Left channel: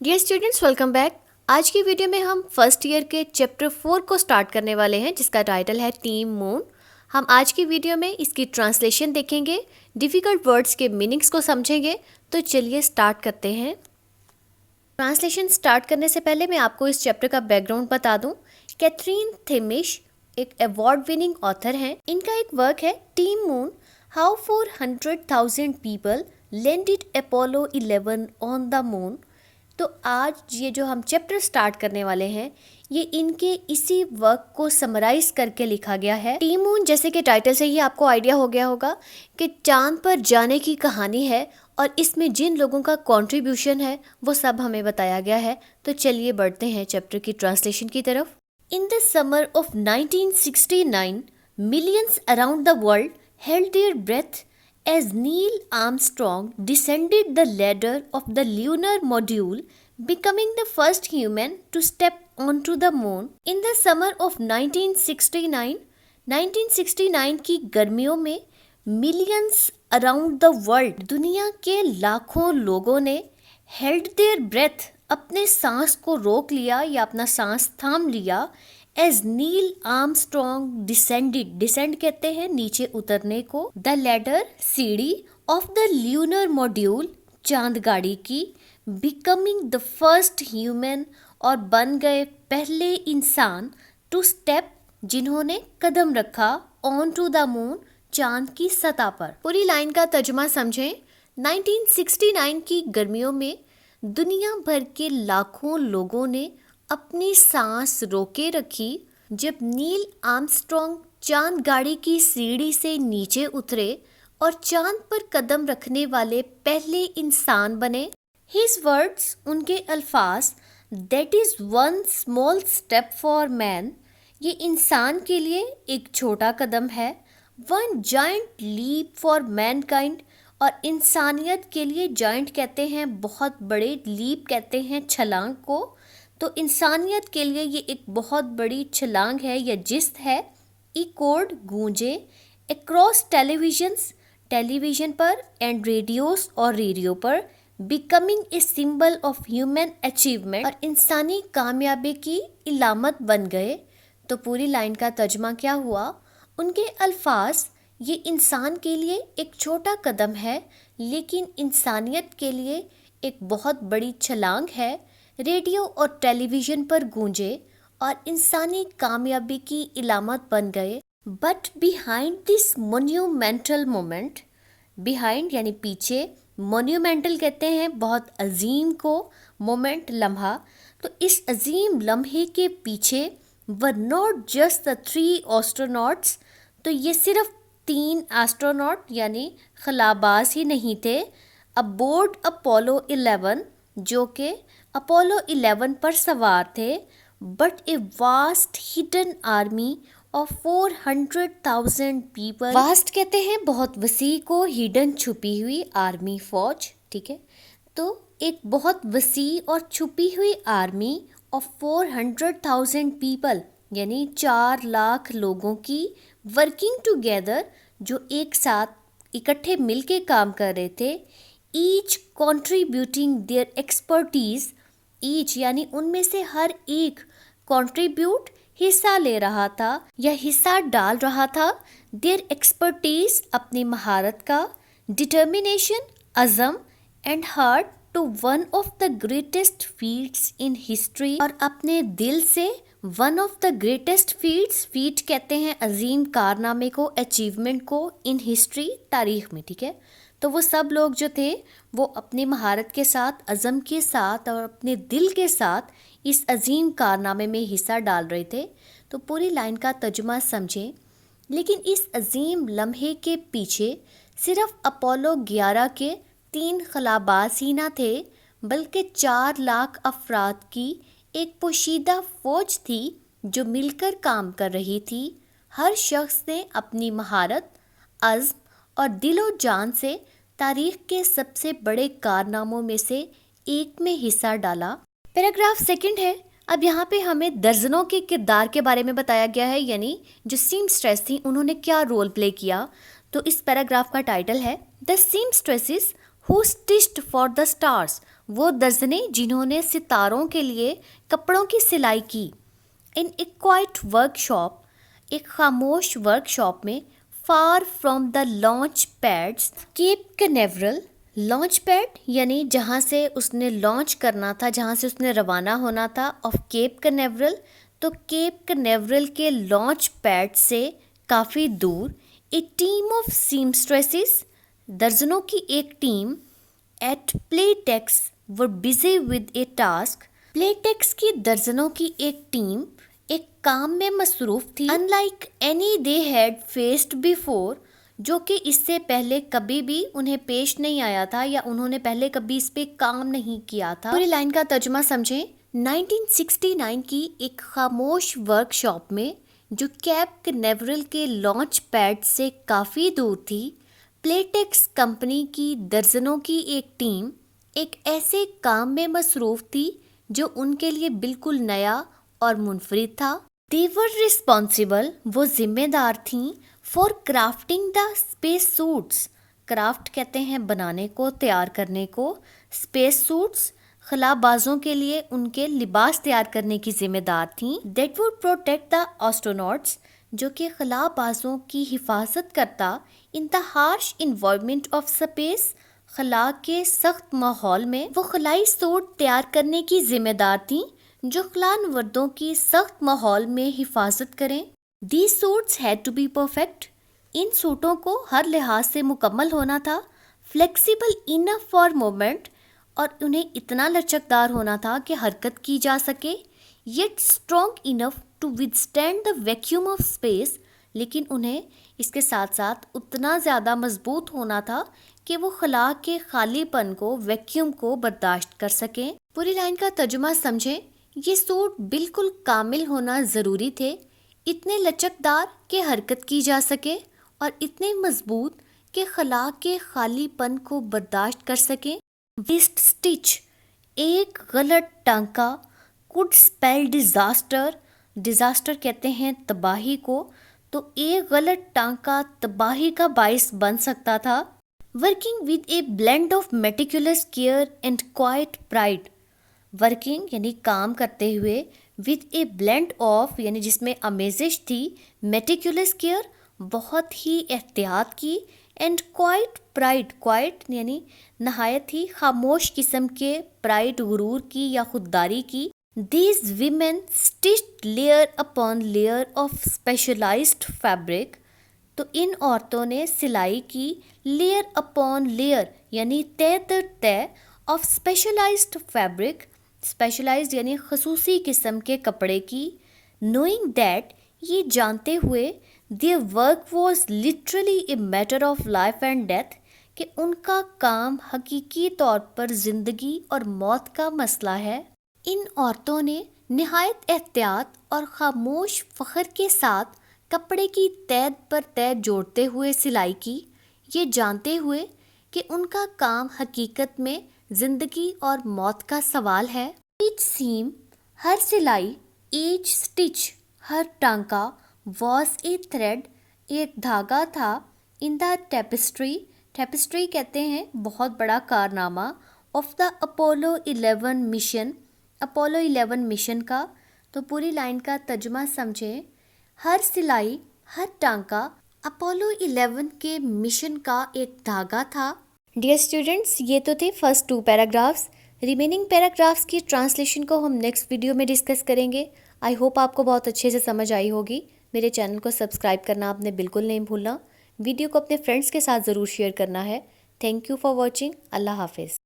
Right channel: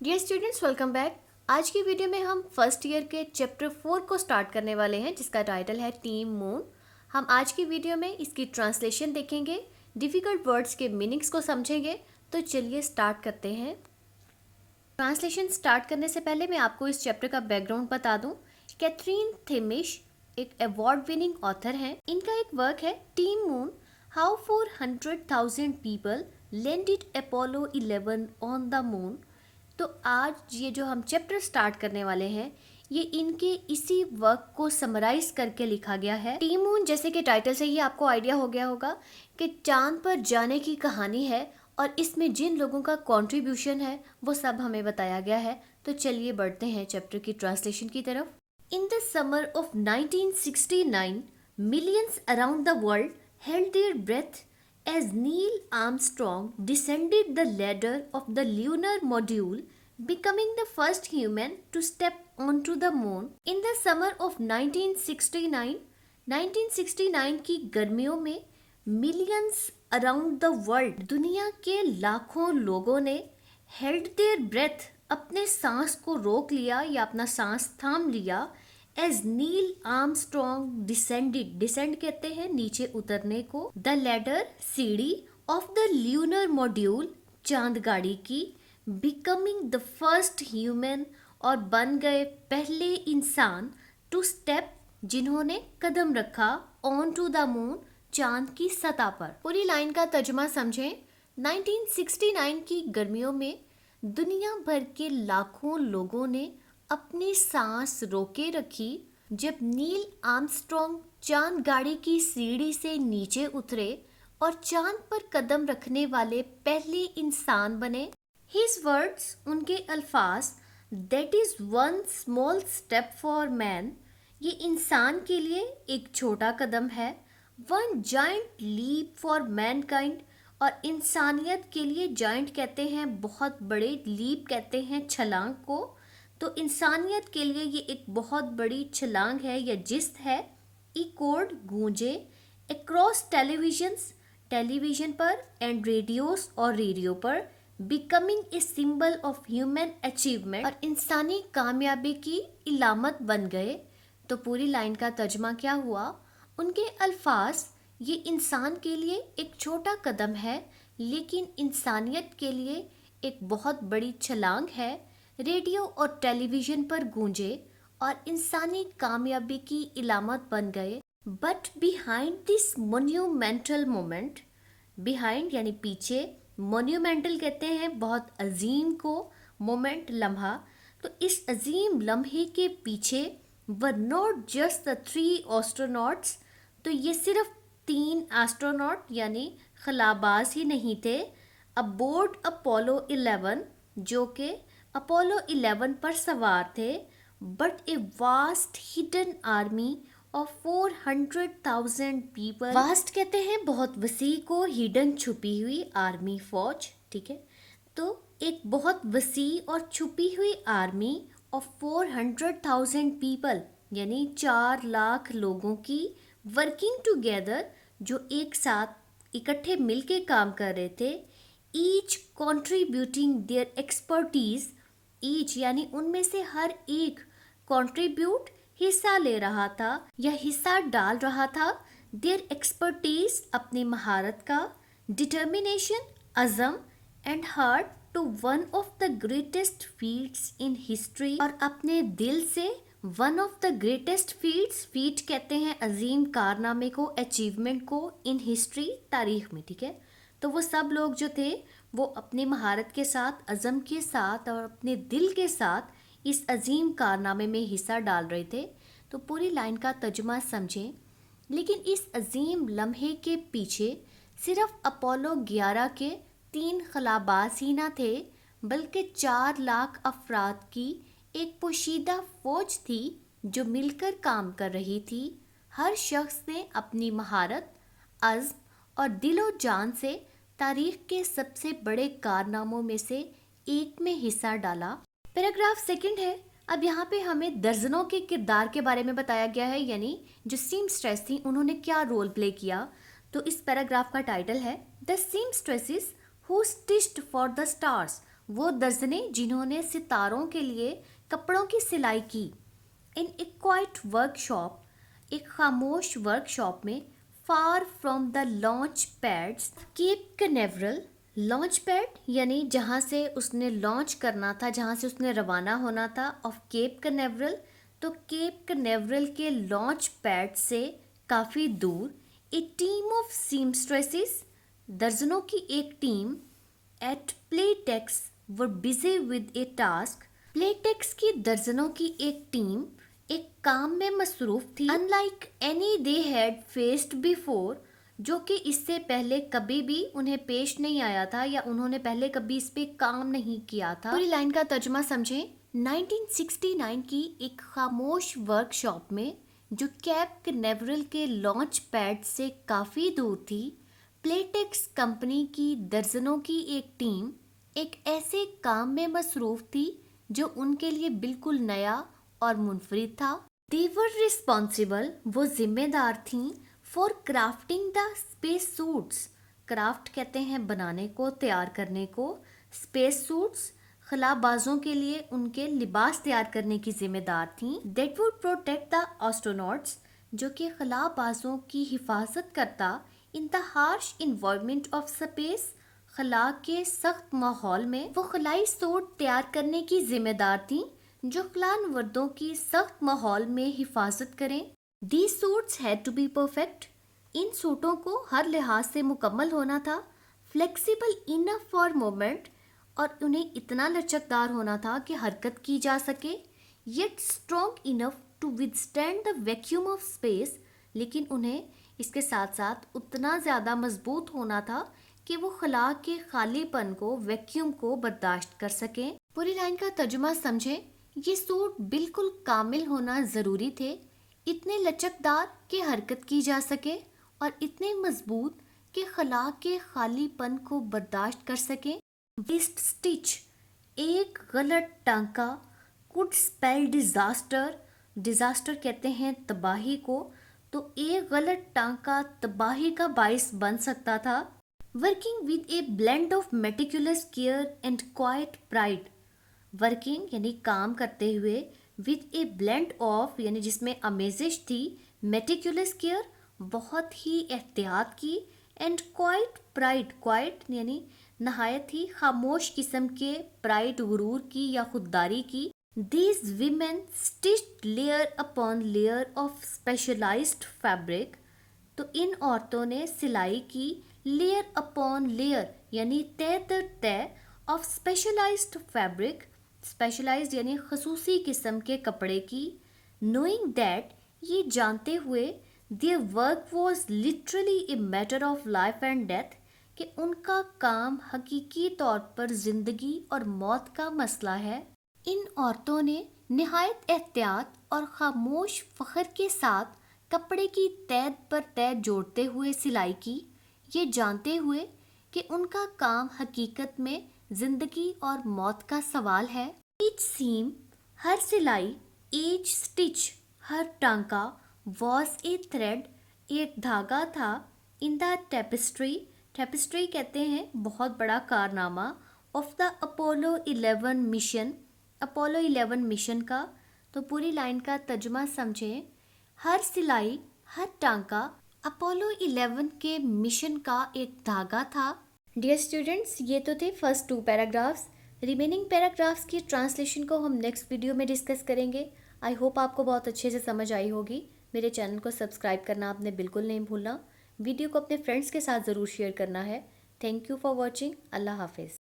Dear students, welcome back. आज की video में हम फर्स्ट ईयर के चैप्टर 4 को स्टार्ट करने वाले हैं, जिसका टाइटल है टीम मून। हम आज की वीडियो में इसकी ट्रांसलेशन देखेंगे, डिफ़िकल्ट वर्ड्स के मीनिंग्स को समझेंगे। तो चलिए स्टार्ट करते हैं। ट्रांसलेशन स्टार्ट करने से पहले मैं आपको इस चैप्टर का बैकग्राउंड बता दूं। कैथरीन थेमिश एक अवार्ड विनिंग ऑथर हैं। इनका एक वर्क है team moon, how 400,000 people landed Apollo 11 on the moon. तो आज ये जो हम चैप्टर स्टार्ट करने वाले हैं, ये इनके इसी वर्क को समराइज करके लिखा गया है। टीम मून, जैसे कि टाइटल से ही आपको आइडिया हो गया होगा कि चांद पर जाने की कहानी है और इसमें जिन लोगों का कंट्रीब्यूशन है वो सब हमें बताया गया है। तो चलिए बढ़ते हैं चैप्टर की ट्रांसलेशन की तरफ। In the summer of 1969, millions around the world held their breath as Neil Armstrong descended the ladder of the lunar module, becoming the first human to step onto the moon. In the summer of 1969 की गर्मियों में millions around the world, दुनिया के लाखों लोगों ने held their breath, अपने सांस को रोक लिया या अपना सांस थाम लिया। As Neil Armstrong descended, descend कहते हैं नीचे उतरने को, द लैडर सीढ़ी, ऑफ द ल्यूनर मॉड्यूल चांद गाड़ी की, बिकमिंग द फर्स्ट ह्यूमन और बन गए पहले इंसान, टू स्टेप जिन्होंने कदम रखा, ऑन टू द मून चांद की सतह पर। पूरी लाइन का तर्जुमा समझें। 1969 की गर्मियों में दुनिया भर के लाखों लोगों ने अपनी सांस रोके रखी जब नील आर्मस्ट्रॉन्ग चांद गाड़ी की सीढ़ी से नीचे उतरे और चांद पर कदम रखने वाले पहले इंसान बने। हिज वर्ड्स, उनके अल्फाज, that is one small step for man, ये इंसान के लिए एक छोटा कदम है। One giant leap for mankind, और इंसानियत के लिए जायंट कहते हैं बहुत बड़े, लीप कहते हैं छलांग को। तो इंसानियत के लिए ये एक बहुत बड़ी छलांग है या जिस्त है। इकोड गूंजे, अक्रॉस टेलीविजन्स, टेलीविजन पर, एंड रेडियोस और रेडियो पर, becoming a symbol of human achievement, और इंसानी कामयाबी की इलामत बन गए। तो पूरी लाइन का तर्जुमा क्या हुआ? उनके अल्फाज, ये इंसान के लिए एक छोटा कदम है लेकिन इंसानियत के लिए एक बहुत बड़ी छलांग है। रेडियो और टेलीविज़न पर गूंजे और इंसानी कामयाबी की इलामत बन गए। But behind this monumental moment, behind यानी पीछे, मोन्यूमेंटल कहते हैं बहुत अजीम को, मोमेंट लम्हा। तो इस अजीम लम्हे के पीछे were not just the 3 astronauts, तो ये सिर्फ 3 एस्ट्रोनॉट यानी खलाबाज ही नहीं थे, अबोर्ड अपोलो 11, जो कि अपोलो 11 पर सवार थे, but a vast hidden army of 400,000 people. Vast कहते हैं बहुत वसी को, हिडन छुपी हुई, आर्मी फौज, ठीक है। तो एक बहुत वसी और छुपी हुई आर्मी ऑफ 400,000 पीपल यानी 4 लाख लोगों की, वर्किंग टुगेदर, जो एक साथ इकट्ठे मिलके काम कर रहे थे। Each contributing their expertise, each यानी उनमें से हर एक, कंट्रीब्यूट हिस्सा ले रहा था या हिस्सा डाल रहा था, देयर एक्सपर्टीज अपनी महारत का, डिटर्मिनेशन अज़म, and heart to one of the greatest feats in history, और अपने दिल से one of the greatest feats, feat कहते हैं अजीम कारनामे को, अचीवमेंट को, इन हिस्ट्री तारीख में, ठीक है। तो वो सब लोग जो थे वो अपनी महारत के साथ, अज़म के साथ और अपने दिल के साथ इस अजीम कारनामे में हिस्सा डाल रहे थे। तो पूरी लाइन का तर्जुमा समझें। लेकिन इस अजीम लम्हे के पीछे सिर्फ अपोलो 11 के 3 खलाबाज ही ना थे, बल्कि 4 लाख अफराद की एक पोशीदा फौज थी जो मिलकर काम कर रही थी। हर शख्स ने अपनी महारत, अज़्म और दिलो जान से तारीख के सबसे बड़े कारनामों में से एक में हिस्सा डाला। पैराग्राफ सेकंड है। अब यहाँ पे हमें दर्जनों के किरदार के बारे में बताया गया है, यानी जो सीमस्ट्रेस थी उन्होंने क्या रोल प्ले किया। तो इस पैराग्राफ का टाइटल है the seamstresses who stitched for the stars, وہ درجنیں جنہوں نے ستاروں کے لیے کپڑوں کی سلائی کی. In a quiet workshop, ایک خاموش ورک شاپ میں، far from the launch pads Cape Canaveral. Launch pad یعنی جہاں سے اس نے لانچ کرنا تھا، جہاں سے اس نے روانہ ہونا تھا، آف کیپ کنیورل. تو کیپ کنیورل کے لانچ پیڈ سے کافی دور اے ٹیم آف سیمسٹریسز، درجنوں کی ایک team, at Playtex were busy with a task. Playtex کی درجنوں کی ایک ٹیم ایک کام میں مصروف تھی. In like any they had faced before, جو کہ اس سے پہلے کبھی بھی انہیں پیش نہیں آیا تھا یا انہوں نے پہلے کبھی اس پہ کام نہیں کیا تھا. پوری لائن کا ترجمہ سمجھیں. 1969 کی ایک خاموش ورک شاپ میں جو کیپ کنیورل کے لانچ پیڈ سے کافی دور تھی، پلے ٹیکس کمپنی کی درجنوں کی ایک ٹیم ایک ایسے کام میں مصروف تھی جو ان کے لیے بالکل نیا اور منفرد تھا. They were responsible، وہ ذمہ دار تھیں، for crafting the space suits. Craft کہتے ہیں بنانے کو، تیار کرنے کو. اسپیس سوٹس، خلا بازوں کے لیے ان کے لباس تیار کرنے کی ذمہ دار تھیں. That would protect the astronauts، جو کہ خلا بازوں کی حفاظت کرتا. In the harsh environment of space، خلا کے سخت ماحول میں وہ خلائی سوٹ تیار کرنے کی ذمہ دار تھیں جو خلانوردوں کی سخت ماحول میں حفاظت کریں. These suits had to be perfect، ان سوٹوں کو ہر لحاظ سے مکمل ہونا تھا. Flexible enough for movement، اور انہیں اتنا لچکدار ہونا تھا کہ حرکت کی جا سکے. Yet strong enough to withstand the vacuum of space، لیکن انہیں اس کے ساتھ ساتھ اتنا زیادہ مضبوط ہونا تھا کہ وہ خلا کے خالی پن کو، ویکیوم کو برداشت کر سکیں. پوری لائن کا ترجمہ سمجھیں. یہ سوٹ بالکل کامل ہونا ضروری تھے، اتنے لچکدار کہ حرکت کی جا سکے اور اتنے مضبوط کہ خلا کے خالی پن کو برداشت کر سکیں. ویسٹ سٹچ، ایک غلط ٹانکا، could spell disaster، ڈیزاسٹر کہتے ہیں تباہی کو، تو ایک غلط ٹانکا تباہی کا باعث بن سکتا تھا. Working with a blend of meticulous care and quiet pride, working یعنی کام کرتے ہوئے، ود اے بلینڈ آف یعنی جس میں آمیزش تھی، میٹیکولس کیئر بہت ہی احتیاط کی، اینڈ کوائٹ پرائڈ، کوائٹ یعنی نہایت ہی خاموش قسم کے، پرائڈ غرور کی یا خودداری کی. These women stitched layer upon layer of specialized fabric، تو ان عورتوں نے سلائی کی لیئر اپون لیئر یعنی تہ در تہ آف اسپیشلائزڈ فیبرک، اسپیشلائزڈ یعنی خصوصی قسم کے کپڑے کی. نوئنگ دیٹ، یہ جانتے ہوئے، their work was literally a matter of life and death، کہ ان کا کام حقیقی طور پر زندگی اور موت کا مسئلہ ہے. ان عورتوں نے نہایت احتیاط اور خاموش فخر کے ساتھ کپڑے کی تہ پر تہ جوڑتے ہوئے سلائی کی، یہ جانتے ہوئے کہ ان کا کام حقیقت میں زندگی اور موت کا سوال ہے. ایچ سیم، ہر سلائی، ایچ سٹچ، ہر ٹانکا، واز اے تھریڈ، ایک دھاگا تھا، ان دا ٹیپسٹری، ٹیپسٹری کہتے ہیں بہت بڑا کارنامہ، of the Apollo 11 mission, Apollo 11 mission کا. تو پوری لائن کا ترجمہ سمجھیں. ہر سلائی، ہر ٹانکا اپولو 11 کے مشن کا ایک دھاگا تھا. ڈیئر اسٹوڈنٹس، یہ تو تھے فرسٹ 2 پیراگرافس. ریمیننگ پیراگرافس کی ٹرانسلیشن کو ہم نیکسٹ ویڈیو میں ڈسکس کریں گے. آئی ہوپ آپ کو بہت اچھے سے سمجھ آئی ہوگی. میرے چینل کو سبسکرائب کرنا آپ نے بالکل نہیں بھولنا. ویڈیو کو اپنے فرینڈس کے ساتھ ضرور شیئر کرنا ہے. Thank you for watching. اللہ حافظ.